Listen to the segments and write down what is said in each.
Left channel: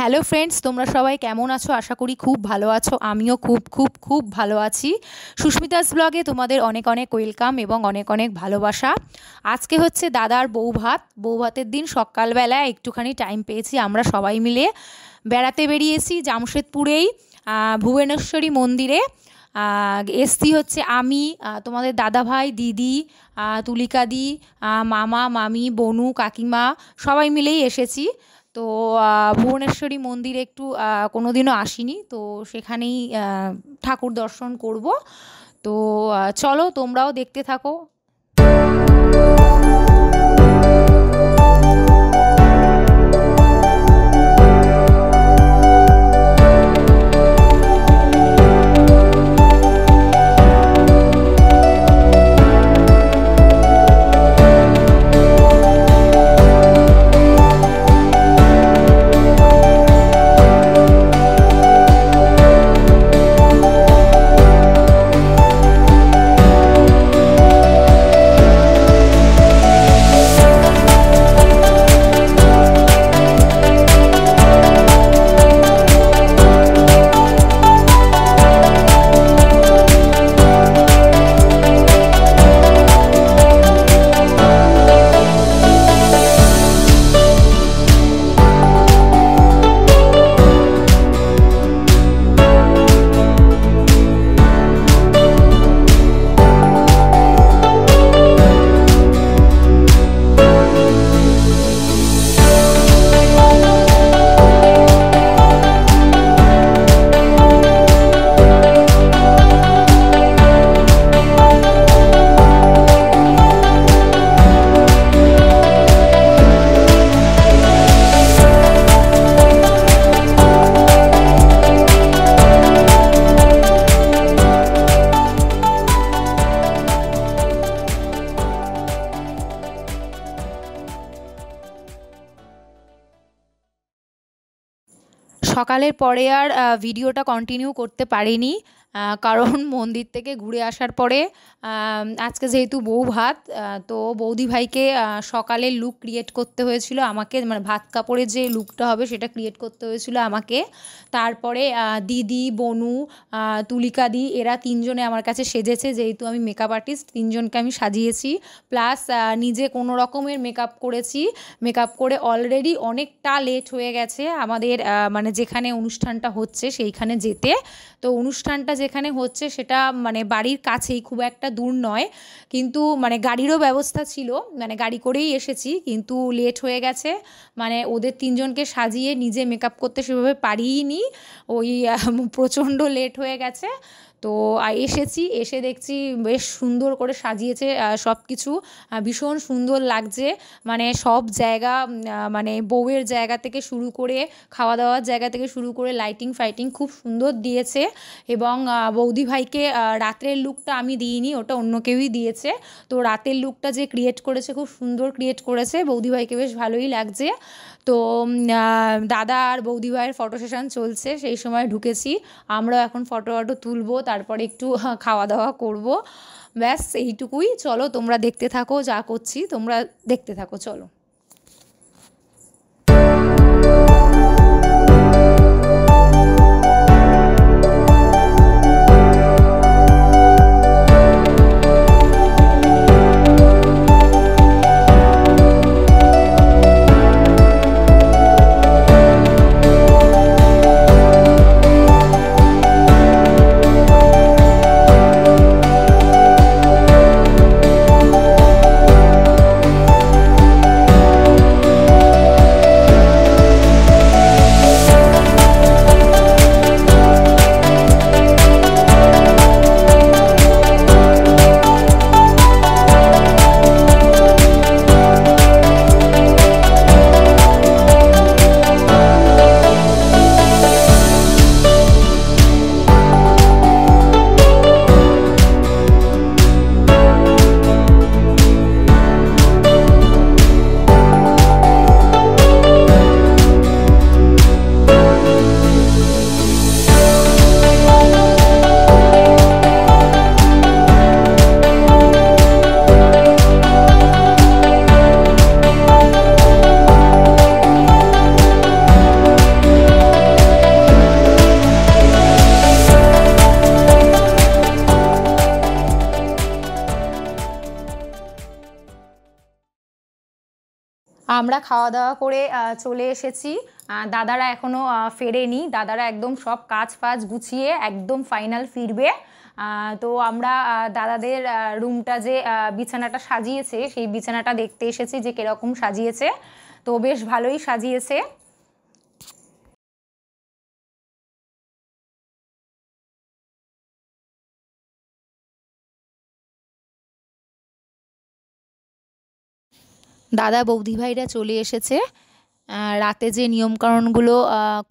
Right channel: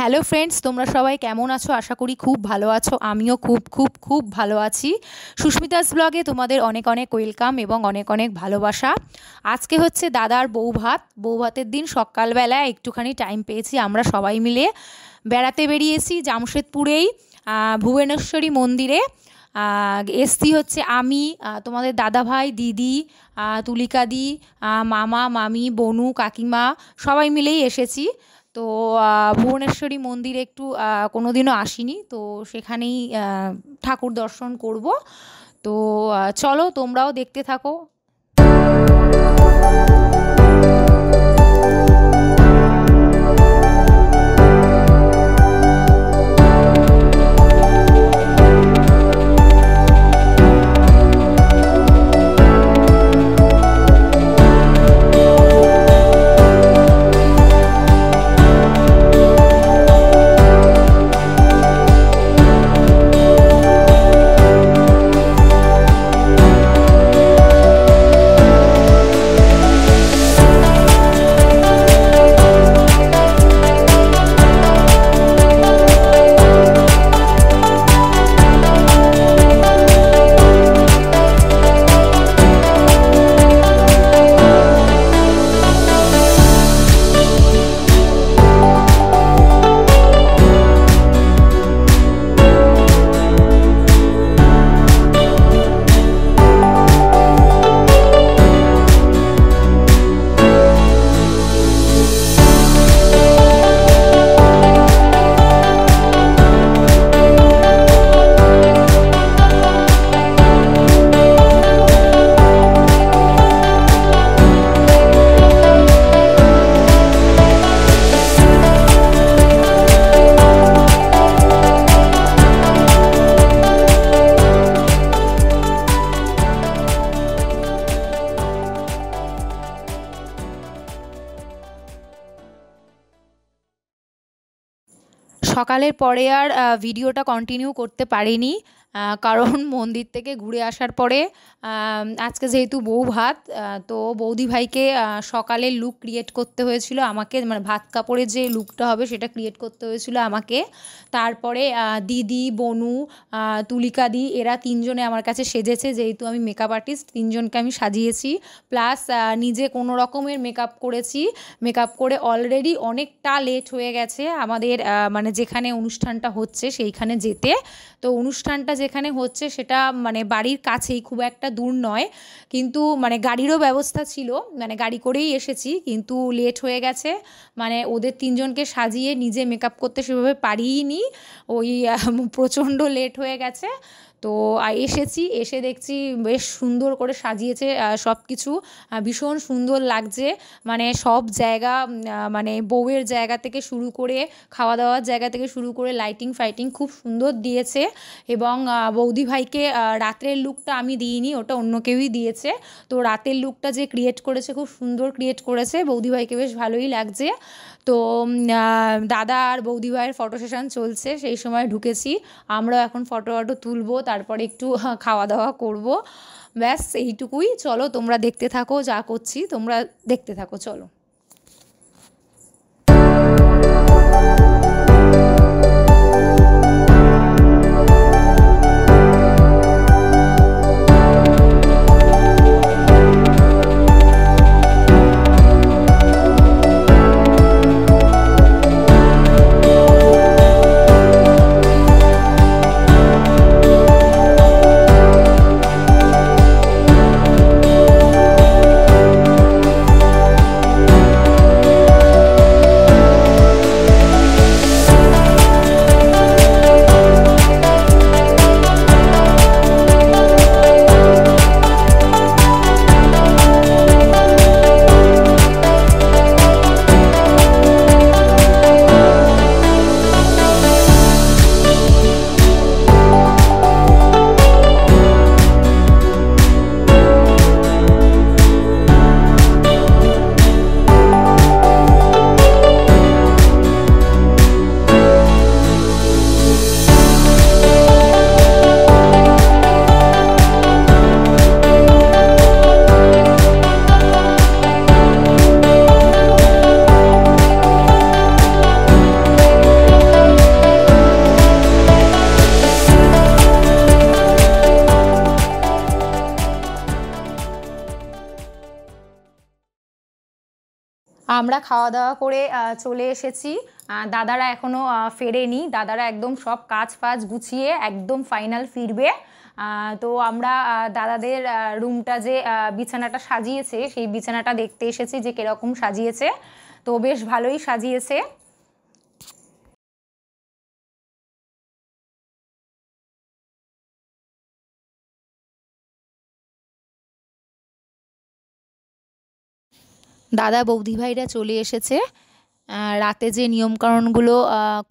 Hello friends, তোমরা সবাই কেমন আছো? আশা করি খুব ভালো আছো। আমিও খুব খুব খুব ভালো আছি। সুস্মিতাস ব্লগে তোমাদের অনেক অনেক ওয়েলকাম এবং অনেক অনেক ভালোবাসা। আজকে হচ্ছে দাদার বৌভাতের দিন। সকালবেলা একটুখানি টাইম পেয়েছি, আমরা সবাই মিলে বেড়াতে বেরিয়েছি জামশেদপুরেই ভুবনেশ্বরী মন্দিরে। এসছি হচ্ছে আমি, তোমাদের দাদাভাই, দিদি, তুলিকাদি, মামা মামি, বনু, কাকিমা সবাই মিলেই এসেছি। তো ভুবনেশ্বরী মন্দিরে একটু কোনোদিনও আসিনি, তো সেখানেই ঠাকুর দর্শন করব। তো চলো তোমরাও দেখতে থাকো। সকালের পরে আর ভিডিওটা কন্টিনিউ করতে পারিনি, কারণ মন্দির থেকে ঘুরে আসার পরে আজকে যেহেতু বৌভাত, তো বৌদি ভাইকে সকালের লুক ক্রিয়েট করতে হয়েছিল আমাকে, মানে ভাত কাপড়ের যে লুকটা হবে সেটা ক্রিয়েট করতে হয়েছিল আমাকে। তারপরে দিদি, বনু, তুলিকাদি এরা তিনজনে আমার কাছে সেজেছে, যেহেতু আমি মেকআপ আর্টিস্ট, তিনজনকে আমি সাজিয়েছি। প্লাস নিজে কোনো রকমের মেকআপ করেছি। মেকআপ করে অলরেডি অনেকটা লেট হয়ে গেছে আমাদের, মানে যেখানে অনুষ্ঠানটা হচ্ছে সেইখানে যেতে। তো অনুষ্ঠানটা যেখানে হচ্ছে সেটা মানে বাড়ির কাছেই, খুব একটা দূর নয়, কিন্তু মানে গাড়িরও ব্যবস্থা ছিল, মানে গাড়ি করেই এসেছি, কিন্তু লেট হয়ে গেছে। মানে ওদের তিনজনকে সাজিয়ে নিজে মেকআপ করতে সেভাবে পারিনি, ওই প্রচণ্ড লেট হয়ে গেছে। তো এসেছি, এসে দেখছি বেশ সুন্দর করে সাজিয়েছে সব কিছু, ভীষণ সুন্দর লাগছে। মানে সব জায়গা, মানে বউয়ের জায়গা থেকে শুরু করে খাওয়া দাওয়ার জায়গা থেকে শুরু করে লাইটিং ফাইটিং খুব সুন্দর দিয়েছে। এবং বৌদি ভাইকে রাতের লুকটা আমি দিইনি, ওটা অন্য কেউই দিয়েছে। তো রাতের লুকটা যে ক্রিয়েট করেছে খুব সুন্দর ক্রিয়েট করেছে, বৌদি ভাইকে বেশ ভালোই লাগছে। তো দাদা আর বৌদি ভাইয়ের ফটো সেশন চলছে, সেই সময় ঢুকেছি। আমরাও এখন ফটো তুলবো, তারপরে একটু খাওয়া দাওয়া করব, ব্যাস এইটুকুই। চলো তোমরা দেখতে থাকো, যা করছি তোমরা দেখতে থাকো, চলো। আমরা খাওয়া দাওয়া করে চলে এসেছি। দাদারা এখনও ফেরেনি, দাদারা একদম সব কাজ ফাজ গুছিয়ে একদম ফাইনাল ফিরবে। তো আমরা দাদাদের রুমটা যে বিছানাটা সাজিয়েছে সেই বিছানাটা দেখতে এসেছি যে কীরকম সাজিয়েছে। তো বেশ ভালোই সাজিয়েছে। দাদা বৌদি ভাইরা চলে এসেছে। রাতে যে নিয়মকানুনগুলো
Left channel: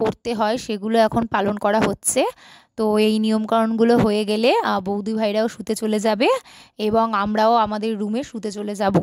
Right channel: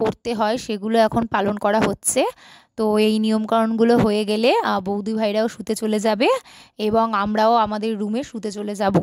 করতে হয় সেগুলো এখন পালন করা হচ্ছে। তো এই নিয়মকানুনগুলো হয়ে গেলে বৌদি ভাইরাও শুতে চলে যাবে এবং আমরাও আমাদের রুমে শুতে চলে যাব।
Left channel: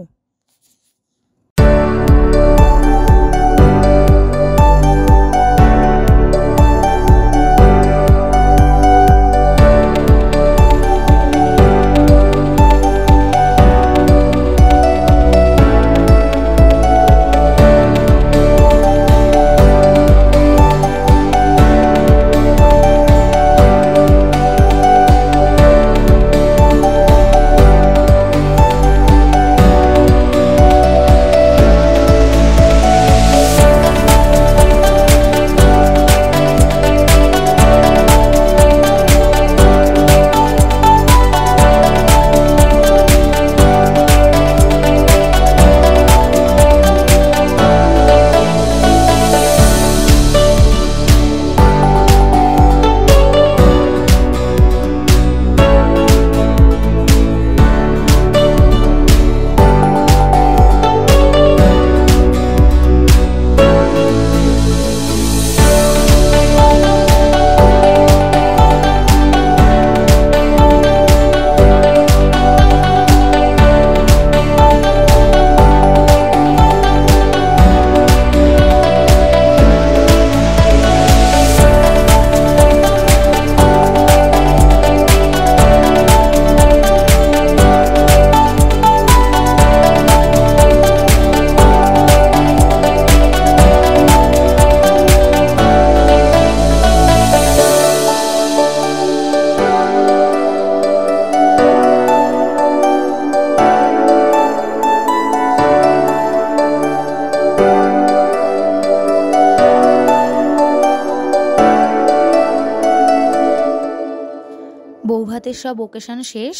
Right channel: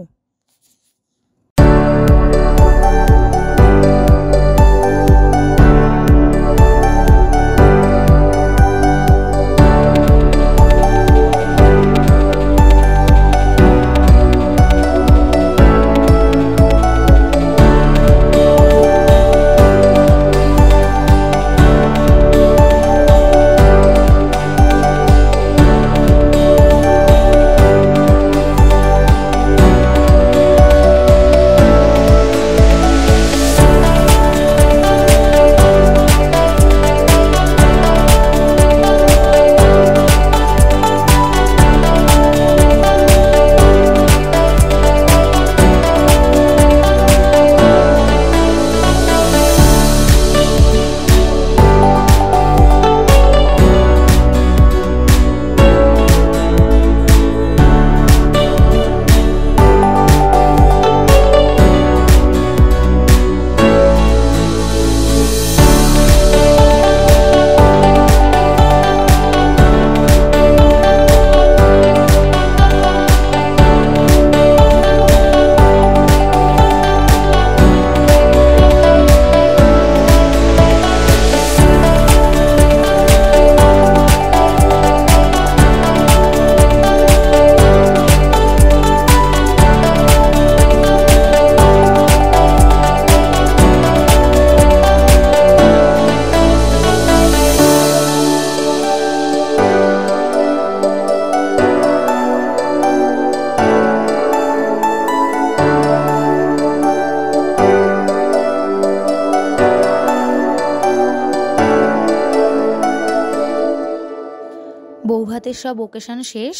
বৌভাতের সব ওকেশন শেষ।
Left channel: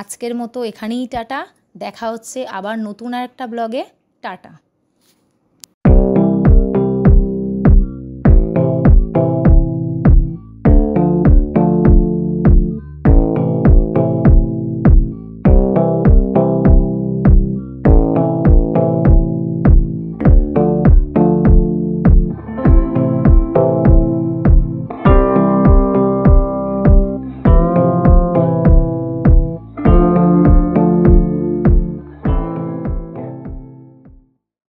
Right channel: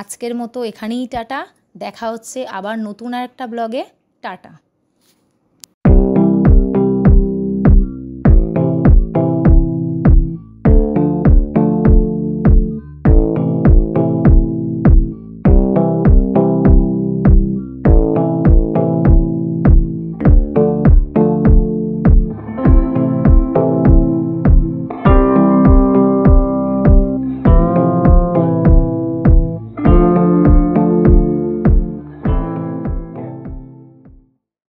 আজকের মতো এখানেই টাটা। দেখা হচ্ছে আবার নতুন আর একটা ব্লগে। টাটা।